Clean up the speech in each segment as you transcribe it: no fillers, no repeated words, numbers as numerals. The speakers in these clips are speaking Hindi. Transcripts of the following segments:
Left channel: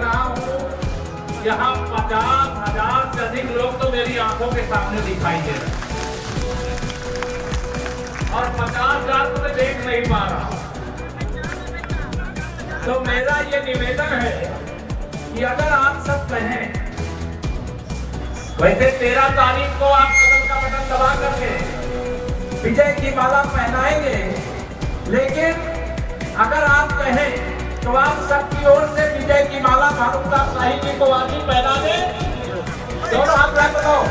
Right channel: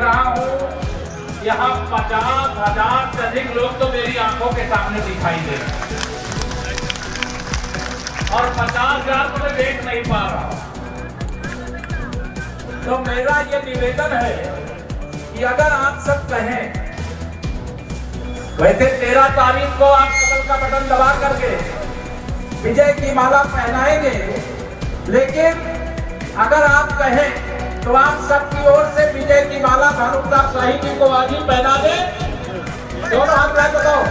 रहा हूँ यहाँ 50,000 से अधिक लोग तो मेरी आंखों के सामने दिखाई दे रहे और 50,000 तो मैं देख नहीं पा रहा। तो मेरा ये निवेदन है कि अगर आप सब कहें, वैसे 13 तारीख को आप कमल का बटन दबा करके विजय की माला पहनाएंगे, लेकिन अगर आप कहें तो आप सबकी ओर से विजय की माला भानु प्रताप शाही जी को आज ही पहना दें। तो आप क्या बताओ?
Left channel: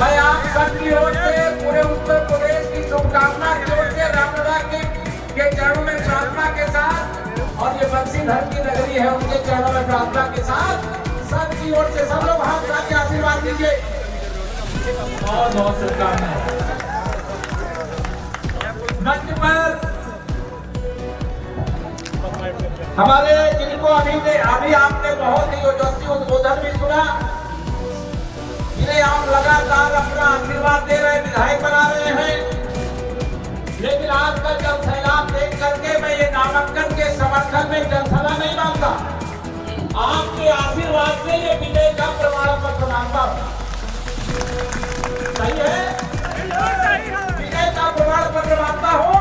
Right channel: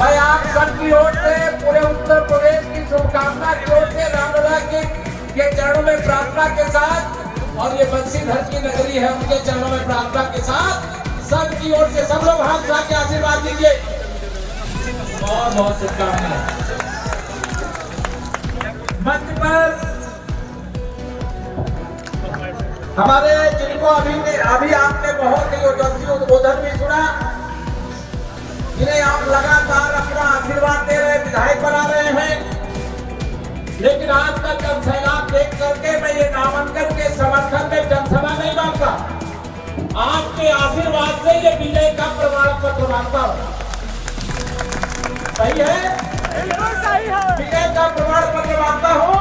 मैं आप सबकी ओर से पूरे उत्तर प्रदेश की शुभकामना की ओर से रामोदय के चरणों में प्रार्थना के साथ, और ये बंसीधर की नगरी है उनके चरणों में प्रार्थना के साथ सबकी ओर से सब लोग हाथ उठा के आशीर्वाद दीजिए। बहुत बहुत शुभकामनाएं। मंच पर हमारे जिनको अभी आपने बहुत ही ओजस्वी उद्बोधन भी सुना, जिन्हें आप लगातार अपना आशीर्वाद दे रहे, विधायक बना रहे हैं, लेकिन आज का जब सैलाब देख करके मैं ये नामांकन के समर्थन में जनसभा नहीं मांगता, आपके आशीर्वाद से ये विजय का प्रमाण पत्र मांगता हूँ। सही है? विजय का प्रमाण पत्र मांगता हूँ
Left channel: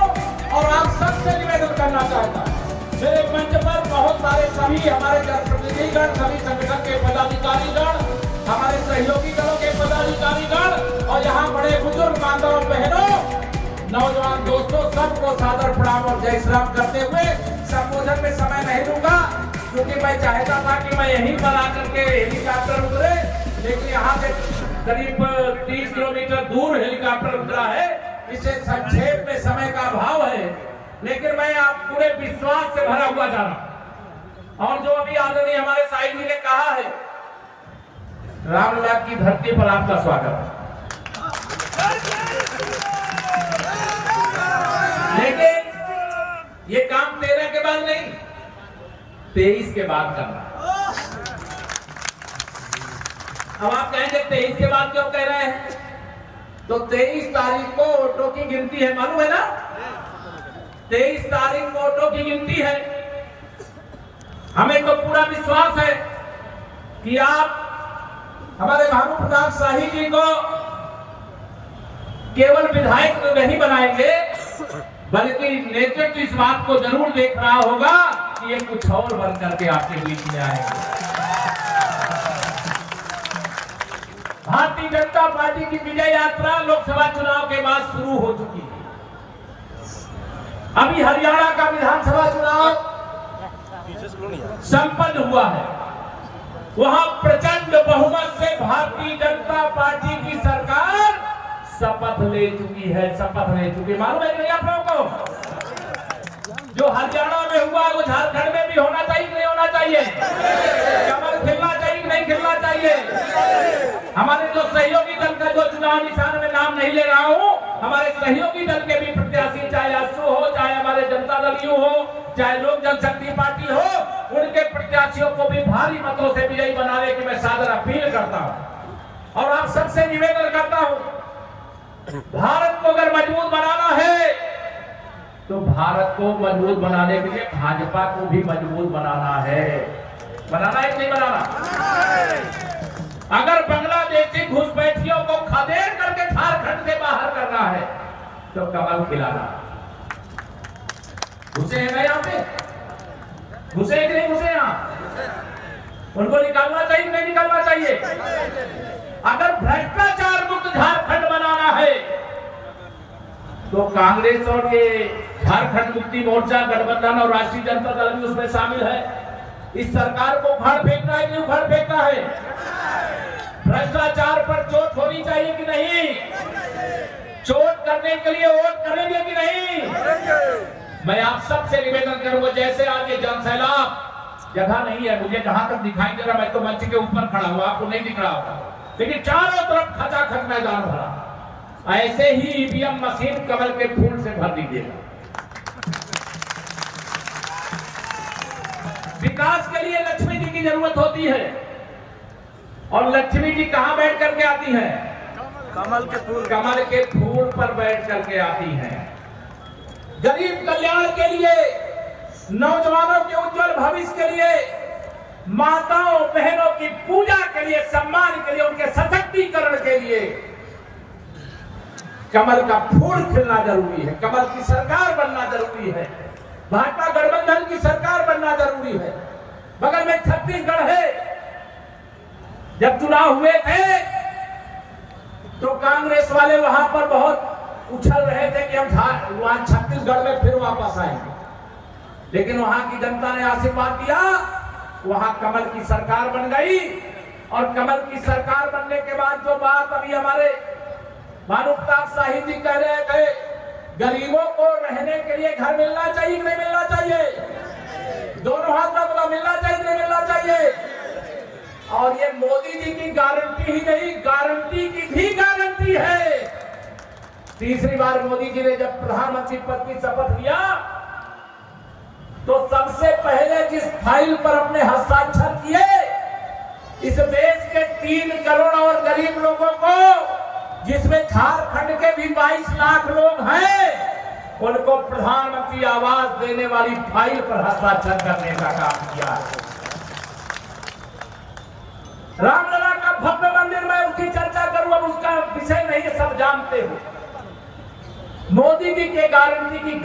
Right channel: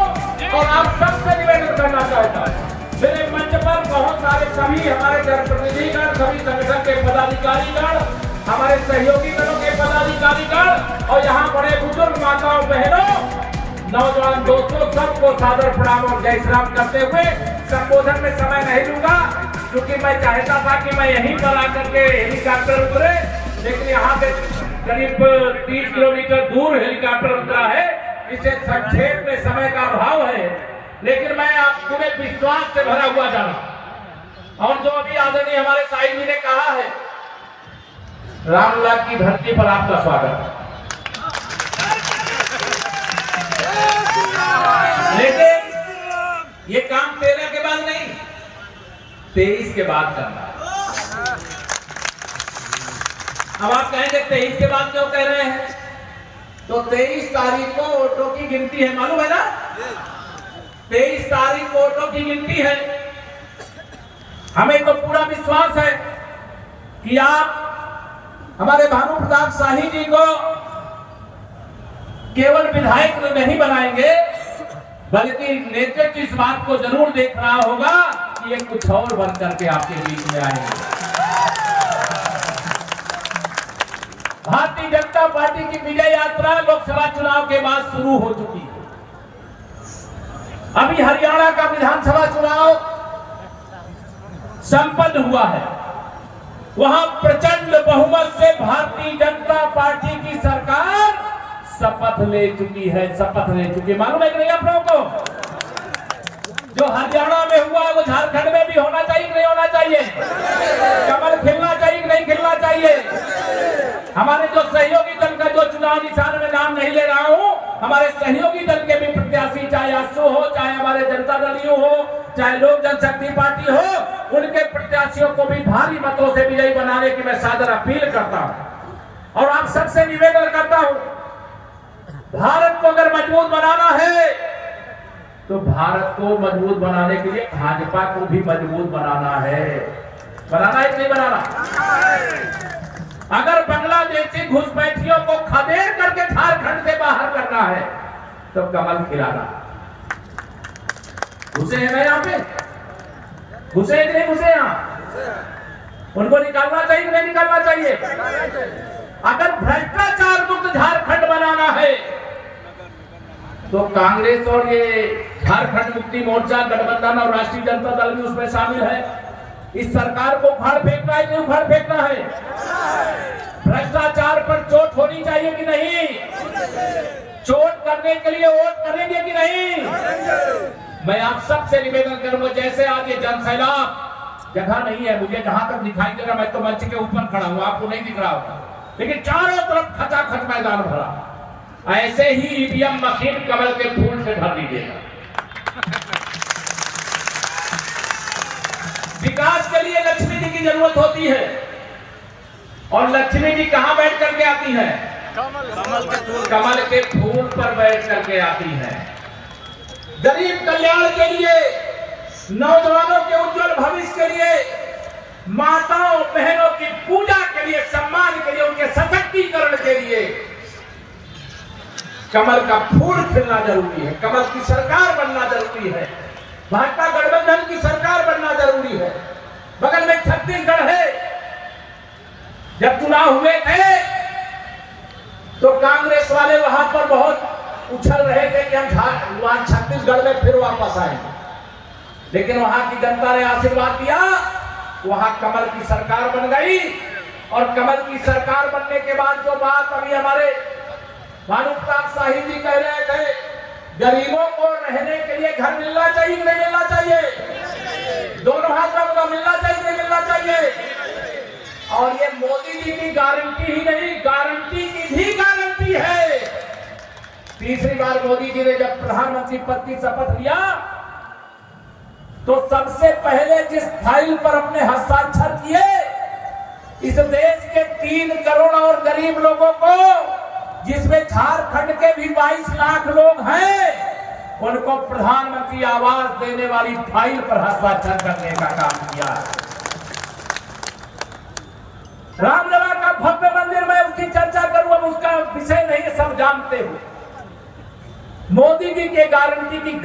और आप सबसे निवेदन करना चाहता हूँ। मेरे मंच पर बहुत सारे सभी हमारे जनप्रतिनिधिगण, सभी संगठन के पदाधिकारीगण, हमारे सहयोगी गणों के पदाधिकारीगण और यहाँ बड़े बुजुर्ग माताओं बहनों, नौजवान दोस्तों, सबको सादर प्रणाम और जय श्री राम करते हुए संबोधन में समय नहीं दूंगा, क्योंकि मैं चाहता था कि मैं यहीं पर आकर के हेलीकॉप्टर उतरे, लेकिन यहाँ से करीब 30 किलोमीटर दूर हेलीकॉप्टर उतरा है, इसे संक्षेप में समय का अभाव है, लेकिन मैं पूरे विश्वास से भरा हुआ जाना। और जो अभी आदरणीय हमारे साईं जी ने कहा है, रामलला की धरती पर आपका स्वागत। लेकिन ये काम 13 के बाद नहीं, 23 के बाद करना। अब आप कहेंगे 23 के बाद क्यों कह रहे हैं? तो 23 तारीख को वोटों की गिनती है, मालूम है ना? 23 तारीख को वोटों की गिनती है। हमें तो पूरा विश्वास है कि आप हमारे भानु प्रताप शाही जी को केवल विधायक नहीं बनाएंगे, बल्कि नेतृत्व इस बात को जरूर देख रहा होगा कि ये कुछ और बन करके आपके बीच में आएंगे। भारतीय जनता पार्टी की विजय यात्रा लोकसभा चुनाव के बाद शुरू हो चुकी है। अभी हरियाणा का विधानसभा चुनाव संपन्न हुआ है, वहां प्रचंड बहुमत से भारतीय जनता पार्टी की सरकार शपथ ले चुकी है। शपथ ले चुकी, मालूम है कि नहीं आप लोगों को? जो हरियाणा में हुआ वो झारखंड में भी होना चाहिए कि नहीं होना चाहिए? कमल खिलना चाहिए कि नहीं खिलना चाहिए? हमारे जो सहयोगी दल का जो चुनाव निशान में नाम नहीं ले रहा हूँ, हमारे सहयोगी दल के भी प्रत्याशी, चाहे आसू हो, चाहे हमारे जनता दल यू हो, चाहे लोक जनशक्ति पार्टी हो, उनके प्रत्याशियों को भी भारी मतों से विजयी बनाने की मैं सादर अपील करता हूँ। और आप सबसे निवेदन करता हूँ, भारत को अगर मजबूत बनाना है तो भारत को मजबूत बनाने के लिए भाजपा को भी मजबूत बनाना है। बनाना है कि नहीं बनाना? अगर बांग्लादेशी घुसपैठियों को खदेड़ करके झारखंड से बाहर करना है तो कमल खिलाना। घुसे हैं ना यहाँ पे? घुसे कि नहीं घुसे? यहाँ उनको निकालना चाहिए कि नहीं निकालना चाहिए? अगर भ्रष्टाचार मुक्त झारखंड बनाना है तो कांग्रेस और ये झारखंड मुक्ति मोर्चा गठबंधन और राष्ट्रीय जनता दल भी उसमें शामिल है। इस सरकार को उखाड़ फेंकना है कि उखाड़ फेंकना है? भ्रष्टाचार पर चोट होनी चाहिए कि नहीं? चोट करने के लिए वोट करेंगे कि नहीं? मैं आप सबसे निवेदन करूंगा, जैसे आज ये जनसैलाब, जगह नहीं है मुझे जहां तक दिखाई दे रहा, मैं तो मंच के ऊपर खड़ा हूं, आपको नहीं दिख रहा होगा, लेकिन चारों तरफ खचाखच मैदान भरा, ऐसे ही ईवीएम मशीन कमल के फूल से भर दीजिएगा। विकास के लिए लक्ष्मी जी की जरूरत होती है, और लक्ष्मी जी कहां बैठ करके आती है? कमल के फूल पर बैठ करके आती है। गरीब कल्याण के लिए नौजवानों के उज्जवल भविष्य के लिए, माताओं बहनों की पूजा के लिए, सम्मान के लिए, उनके सशक्तिकरण के लिए कमल का फूल खिलना जरूरी है। कमल की सरकार बनना जरूरी है। भाजपा गठबंधन की सरकार बनना जरूरी है। बगल में छत्तीसगढ़ है। जब चुनाव हुए थे तो कांग्रेस वाले वहां पर बहुत उछल रहे थे कि हम वहां छत्तीसगढ़ में फिर वापस आएंगे, लेकिन वहां की जनता ने आशीर्वाद दिया, वहां कमल की सरकार बन गई। और कमल की सरकार बनने के बाद जो बात अभी हमारे मानवता शाही जी कह रहे थे, गरीबों को रहने के लिए घर मिलना चाहिए, नहीं मिलना चाहिए, दोनों हाथों को मिलना चाहिए, नहीं मिलना चाहिए। और ये मोदी जी की गारंटी ही नहीं, गारंटी की भी गारंटी है। तीसरी बार मोदी जी ने जब प्रधानमंत्री पद की शपथ लिया तो सबसे पहले जिस फाइल पर अपने हस्ताक्षर किए, इस देश के 3 करोड़ और गरीब लोगों को, जिसमें झारखंड के भी 22 लाख लोग हैं, उनको प्रधानमंत्री आवास देने वाली फाइल पर हस्ताक्षर करने का काम किया। रामलला का भव्य मंदिर में उसकी चर्चा करूं, अब उसका विषय नहीं, सब जानते हो। मोदी जी के गारंटी की